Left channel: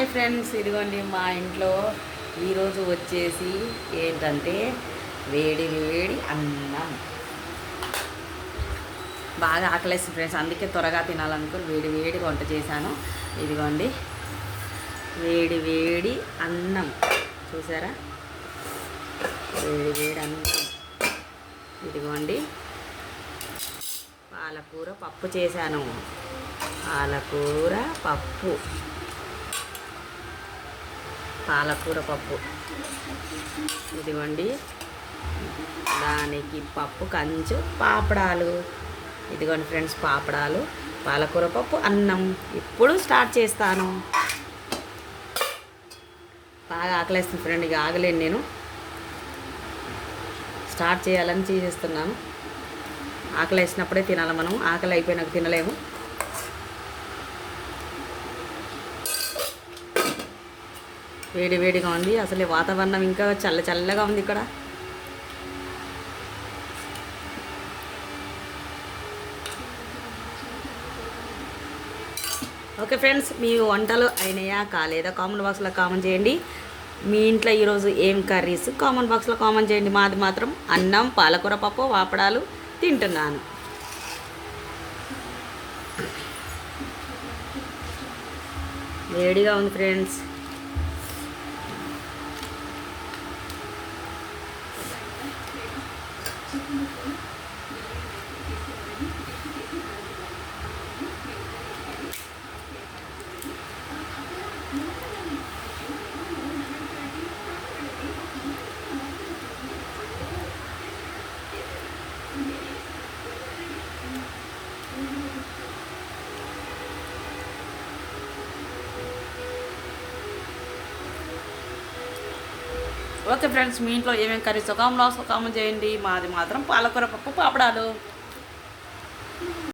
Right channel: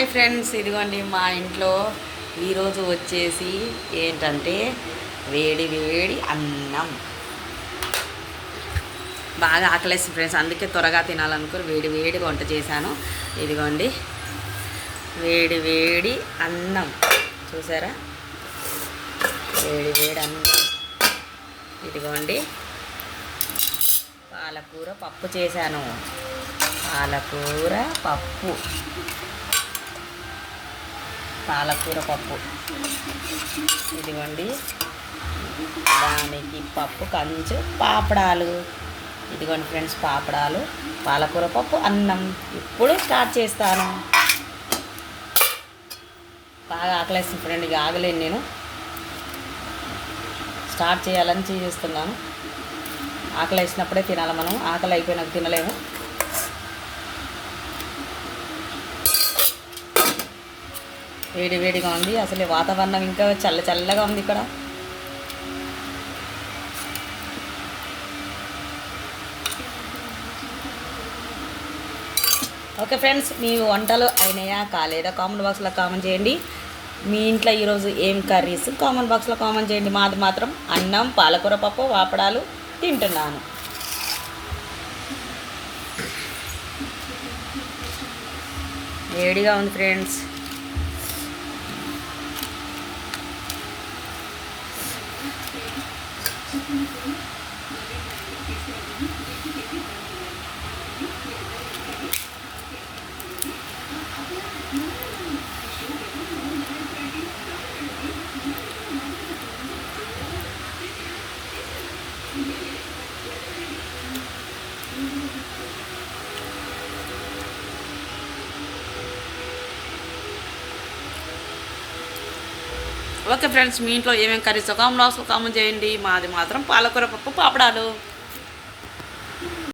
Hi friends, ఇదిగోండి మా ఇంట్లో ఈరోజు వచ్చేసి ఏంటంటే వేడి వేడి అన్నం. బాగా ఆకలేసి ఫ్రెండ్స్, అందుకే త్వరగా తినాలనుకుని వేడి వేడిగా వంట చేశాను. ఇదిగోండి వేడి వేడి అన్నం చూసారా, వేడి వేడి అన్నం. ఇదిగోండి పాలకూర పప్పు చేశాను, పాలకూర పప్పు, పాలకూర పప్పు. ఇదిగోండి దానికి పప్పు కంచు పాపడాలు. ఇదిగోండి ఫ్రెండ్స్ పాపడాలు, పాలకూర పప్పు, అన్నం. ఇప్పుడు స్టార్ట్ చేస్తాను. బాగా ఆకలేస్తుంది ఫ్రెండ్, ఇక ఆగలేను నేను. స్టార్ట్ చేయాలని చేస్తున్నాను. ఆకలి వేసినప్పుడే తినాలి మనం, ఆకలి అయిపోయినాక తినలేము. వేడి వేడిగా ఉంది, అసలు వాతావరణం ఇంకా చల్లగా ఉంది ఇక్కడ. ఓకే ఫ్రెండ్స్, మీ వంటలు అయినాయా కాలేదా కామెంట్ బాక్స్లో కామెంట్ చేయండి. మీ ఇంట్లో ఈరోజు ఏం కర్రీస్ కామెంట్ బాక్స్లో కామెంట్ చేయండి. మాది మాత్రం అన్నం, పాలకూర పప్పు, వాపడాలు తింటున్నాను. వేడిగా ఉంది ఫ్రెండ్స్. ఓకే ఫ్రెండ్స్, మీ ఇంట్లో ఏమేమి కర్రీస్ కామెంట్ బాక్స్లో కామెంట్ చేయండి. మాది మాత్రం పాలకూర పప్పు, పాపడాలు.